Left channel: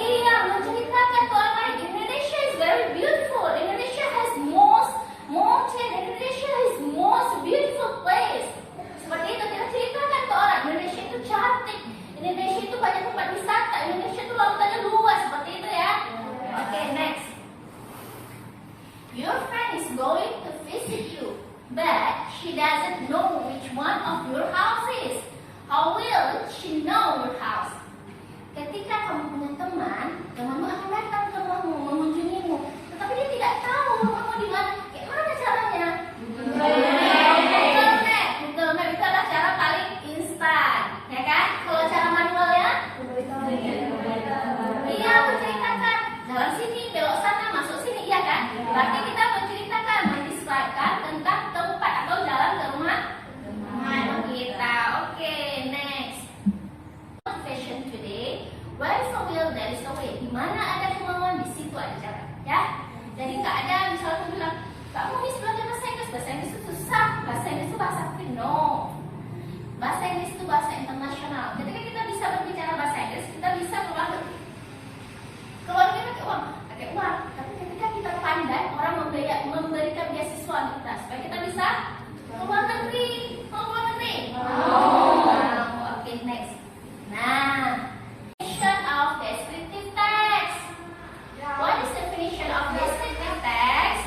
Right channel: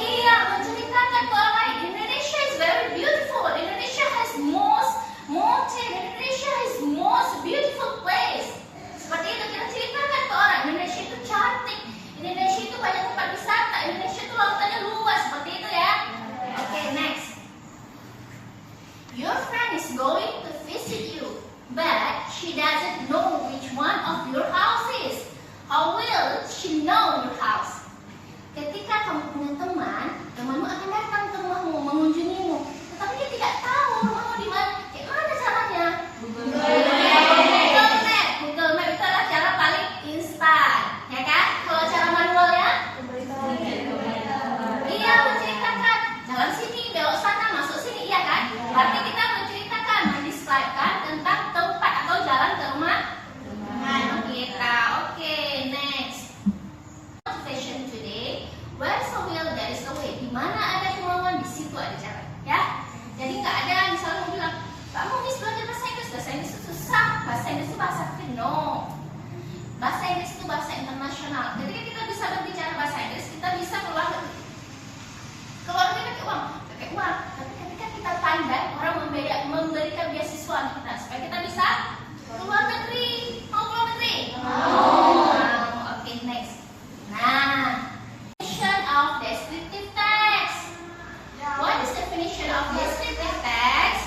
Iya, menceritakan ke orang lain. Indonesia is very beautiful. Indonesia has most mountain. Indonesia is most beautiful place. Seperti itu kita ceritakan ke orang. Indonesia itu cantik. Indonesia itu banyak tempat wisata. Indonesia itu lautannya luas. Seperti itu ya. Okay, next. Your friend is going to visit you, but she doesn't know which one of your house is. How will she know your house? Ketika kamu punya teman, temanmu akan datang ke rumahmu, mengunjungimu, tetapi dia tidak tahu rumahmu di mana. Kayak mana caranya? Google Map. Google Map itu adalah cara paling instan, ya kan? Kalau cara manualnya? Iya, menceritakan. Jalan sini, belok sana, masuk sini, iya kan? Berarti kita menceritakan, mendescribekan tentang tempat atau jalan ke rumah kita. Oke, next. Motivation today. Where is a will, there is a way. Di mana ada kemauan, di situ ada jalan. Ya. Jadi nggak ada misalnya bilang, kamu miss belajar bahasa Inggris. Bahasa Inggris itu susah. Bahasa Inggris itu bahasa no. Bahasa Inggris itu bahasa internasional. Ketika kita bisa berbicara bahasa Inggris, kita bisa keluar negeri. Keluar negeri pakai uang. Tapi ketika kita pandai, orang memberikan beasiswa kita supaya kita bisa keluar negeri. Mau keluar negeri? Oke, next. Nah, definition of descriptive text. What is the definition of descriptive text?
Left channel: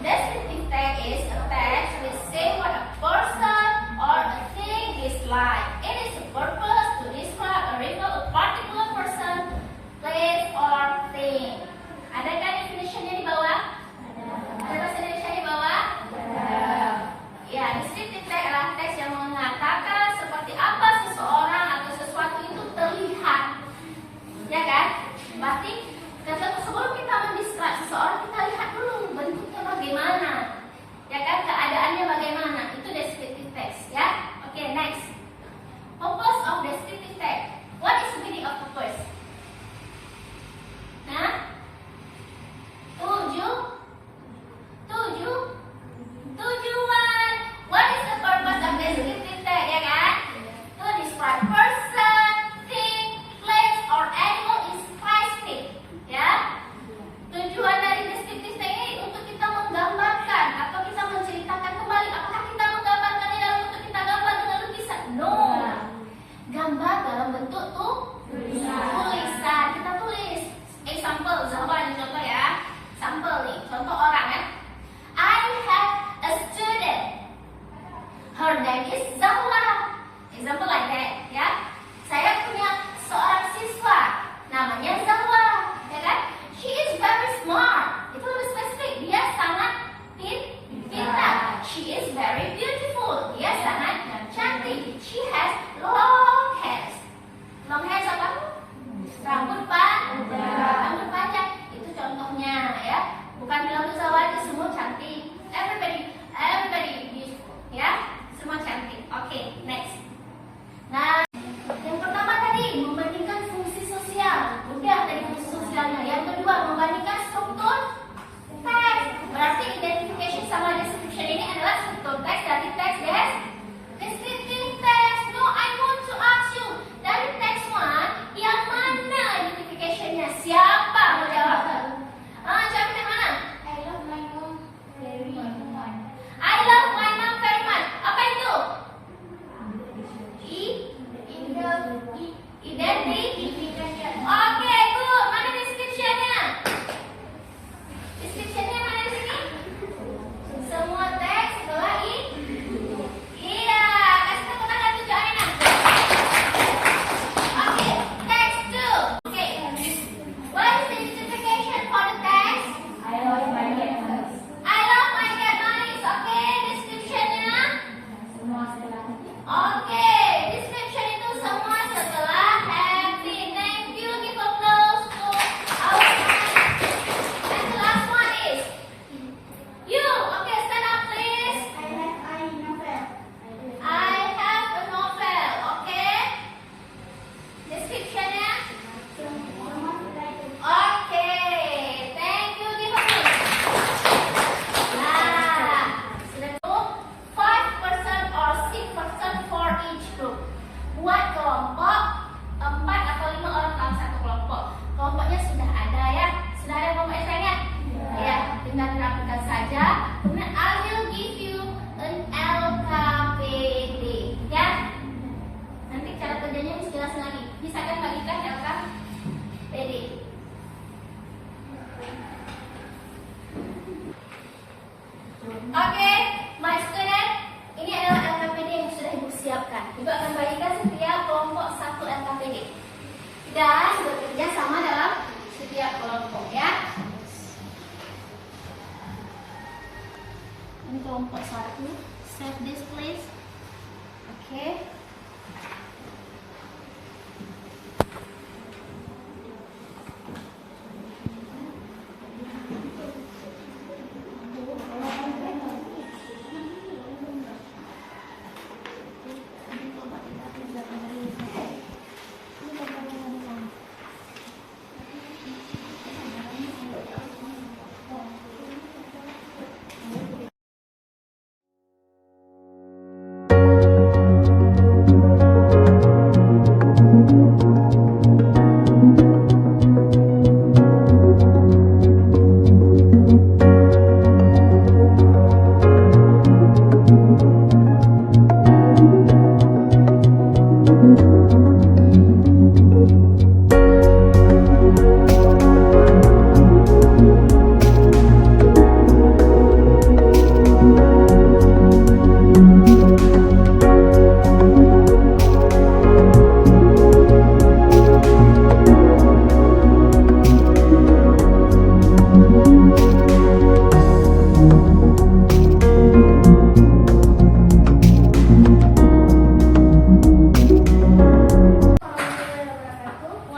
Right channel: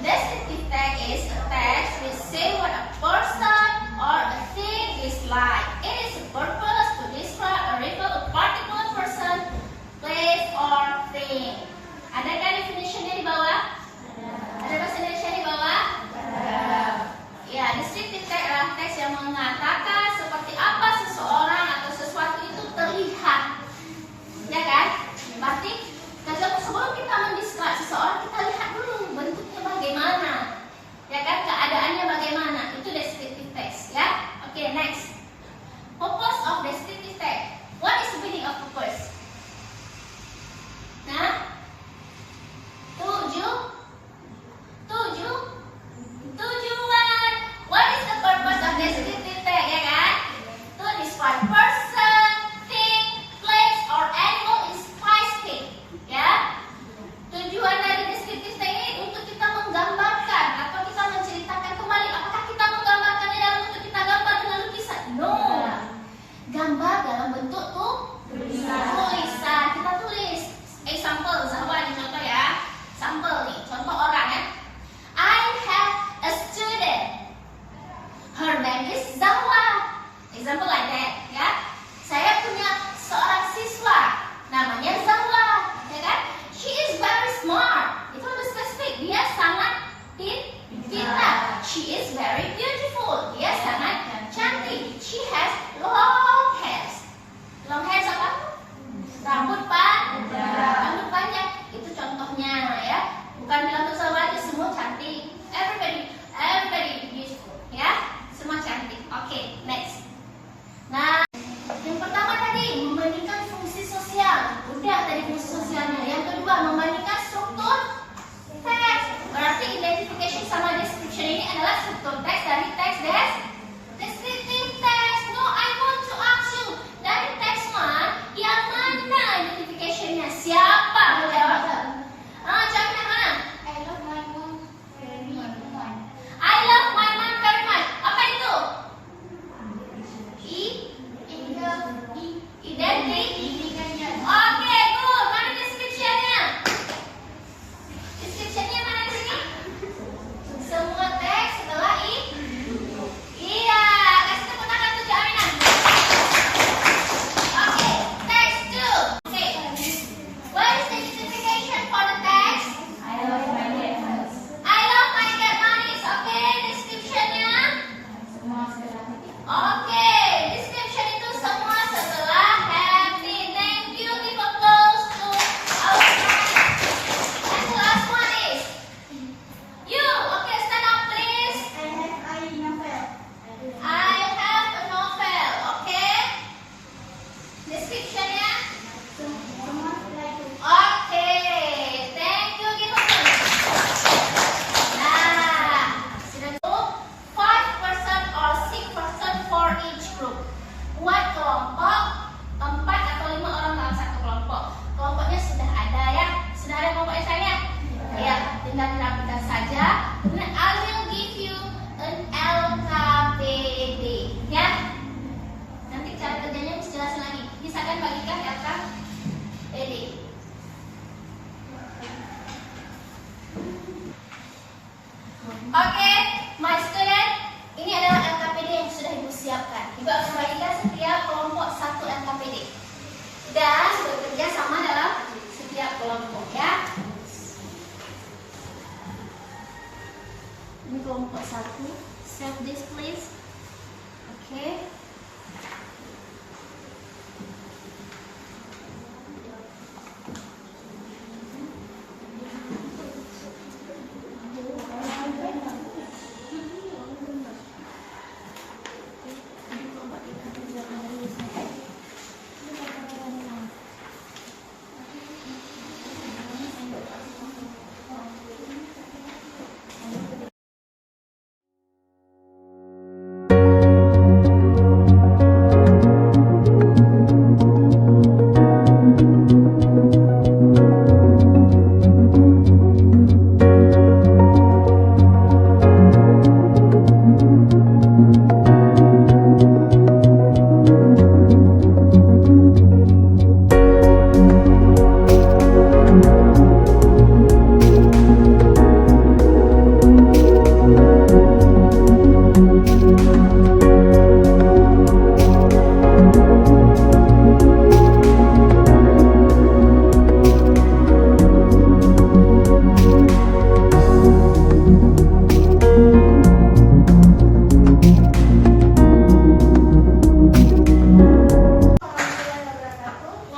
Descriptive text is a text which say what a person or a thing is like. It is a purpose to describe or refer a particular person, place, or thing. Adakah definitionnya di bawah? Ada bahasa Indonesia di bawah? Ya, descriptive text adalah teks yang mengatakan seperti apa seseorang atau sesuatu itu terlihat. Ya kan? Berarti sebelum kita mendescribe seseorang, kita lihat dulu bentuknya bagaimana. Ya kan? Keadaannya bagaimana. Itu descriptive text, ya. Oke, next. Purpose of descriptive text. What is the meaning of purpose? Nah, tujuan. What is the purpose of descriptive text, ya kan? To describe person, thing, place, or animal in specific, ya. Tujuan dari descriptive text ini untuk kita menggambarkan atau kita menceritakan kembali. Apakah kita menggambarkannya dalam bentuk kita gambar dengan lukisan? No. Gambar dalam bentuk tulisan. Kita tulis. Example, Zahwa ini contoh ya. Sampel nih, contoh orang ya. I have a student. Her name is Zahwa. Example like that, ya. Saya punya seorang siswa, namanya Zahwa, ya kan? She is very smart. Itu lebih spesifik. Dia sangat pintar. She is very beautiful. Dia sangat cantik. She has long hairs. Long hairs apa? Rambut panjang. Itu contohnya, ya. Bukan bilang tuh Zahwa aja semua cantik. Everybody beautiful, ya. Semua cantik. Oke, next. Nah, Oke, my student, ini adalah LKPD yang sudah Ibu siapkan. Ibu akan bagikan setiap kelompok satu LKPD dan bekerja sama dalam setiap kelompok ya. Ini kelompok satu, set this please. Oke.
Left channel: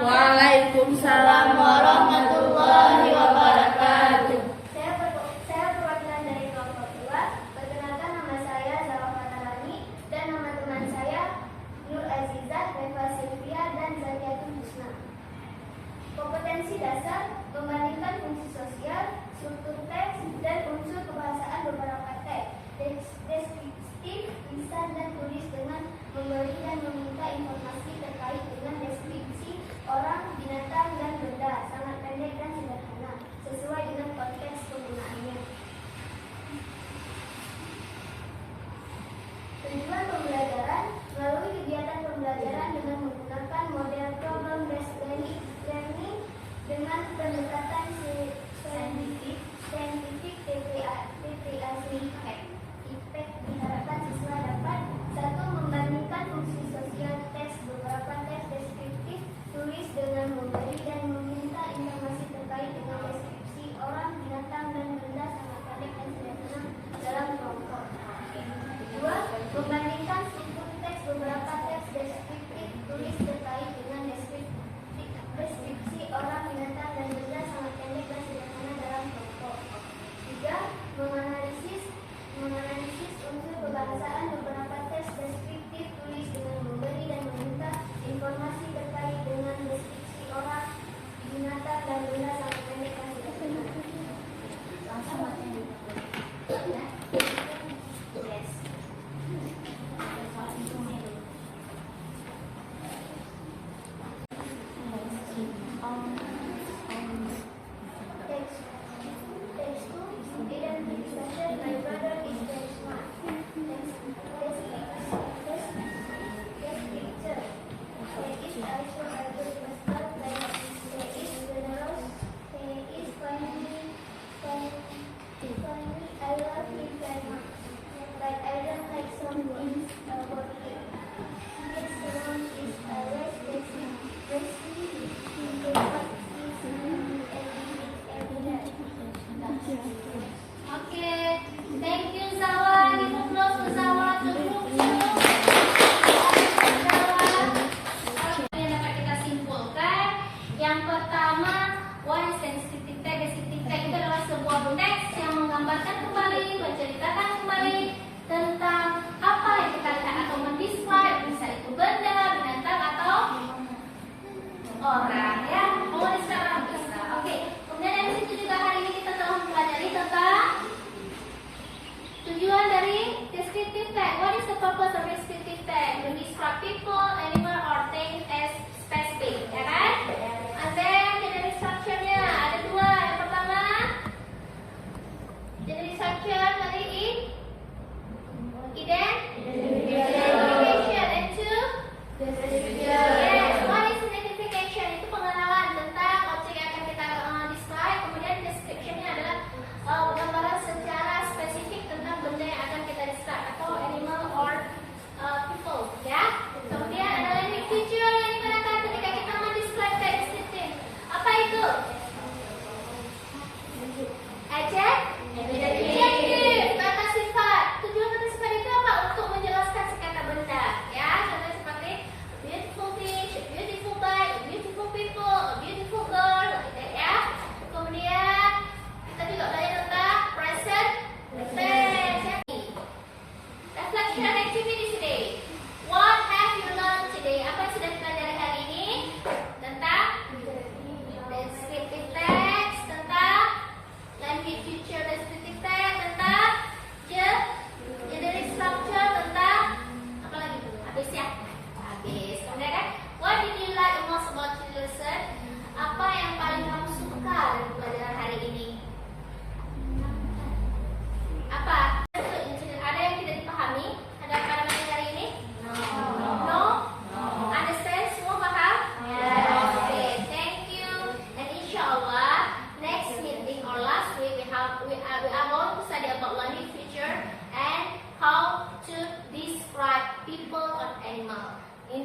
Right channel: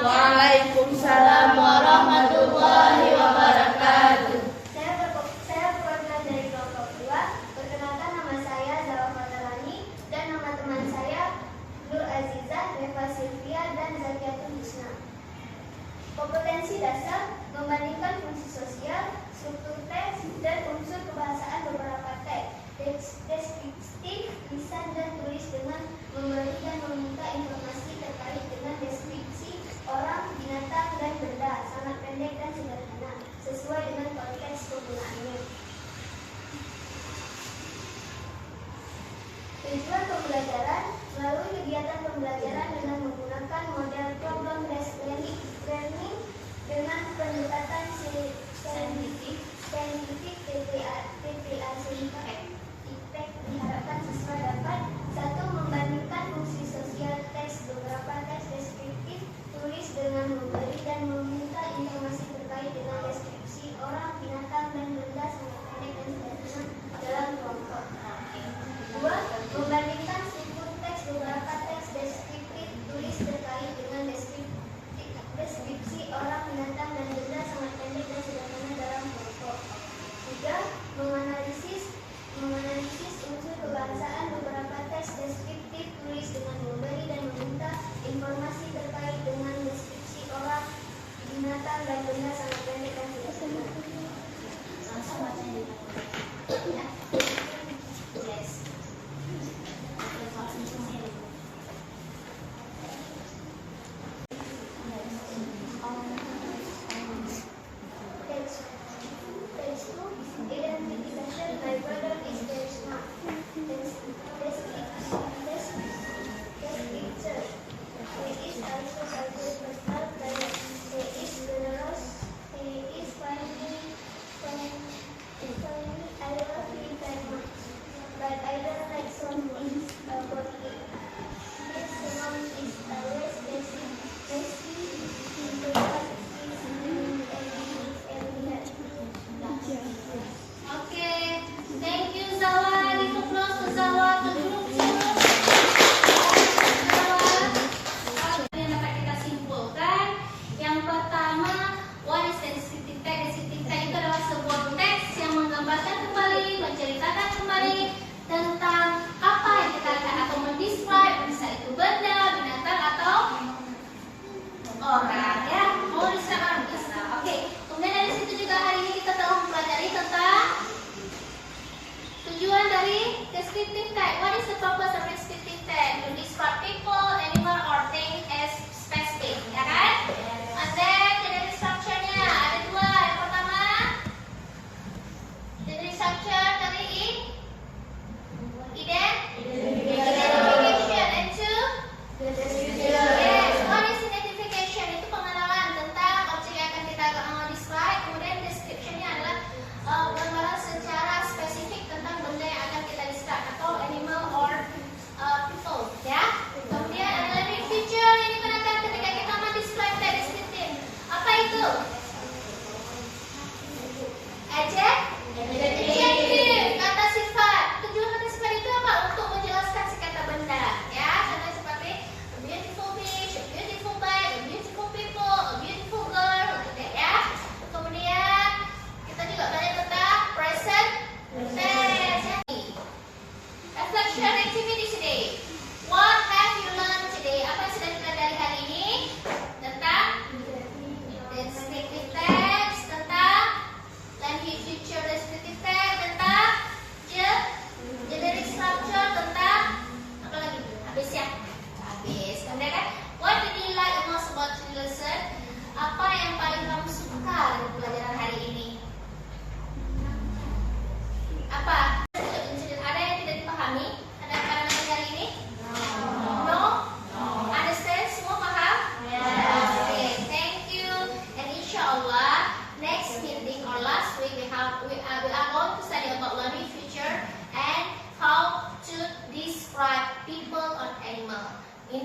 Waalaikumsalam warahmatullahi wabarakatuh. Saya perwakilan dari kelompok 2. Perkenalkan, nama saya Zawah Fatarani dan nama teman saya Nur Azizat, Reva Sylvia, dan Zaliatul Husna. Kompetensi dasar membandingkan fungsi sosial, struktur teks, dan unsur kebahasaan beberapa teks. Deskriptif, lisan dan tulis dengan memberi dan meminta informasi terkait dengan deskripsi orang, binatang, dan benda, sangat pendek dan sederhana, sesuai dengan konteks penggunaannya. Tujuan pembelajaran melalui kegiatan pembelajaran dengan menggunakan model problem-based learning dengan pendekatan saintifik TPA IPEK diharapkan siswa dapat 1. Membandingkan fungsi sosial teks beberapa teks deskriptif, tulis dengan memberi dan meminta informasi terkait dengan deskripsi orang, binatang, dan benda, sangat pendek dan sederhana dalam kelompok. 2. Membandingkan struktur teks beberapa teks deskriptif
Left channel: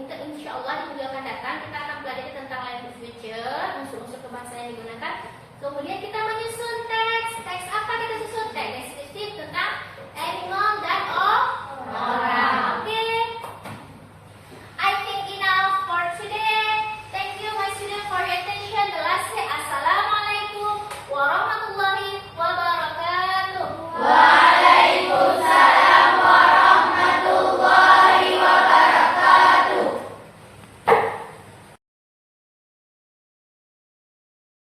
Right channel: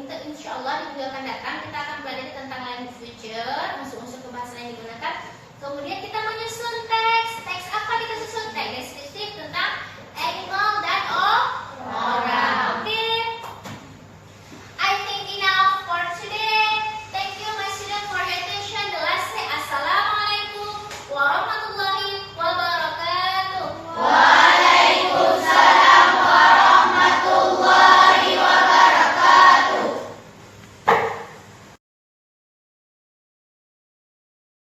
Kita insya Allah di minggu akan datang kita akan pelajari tentang language feature, unsur-unsur kebahasaan yang digunakan. Kemudian kita menyusun teks. Teks apa kita susun? Teks deskriptif tentang animal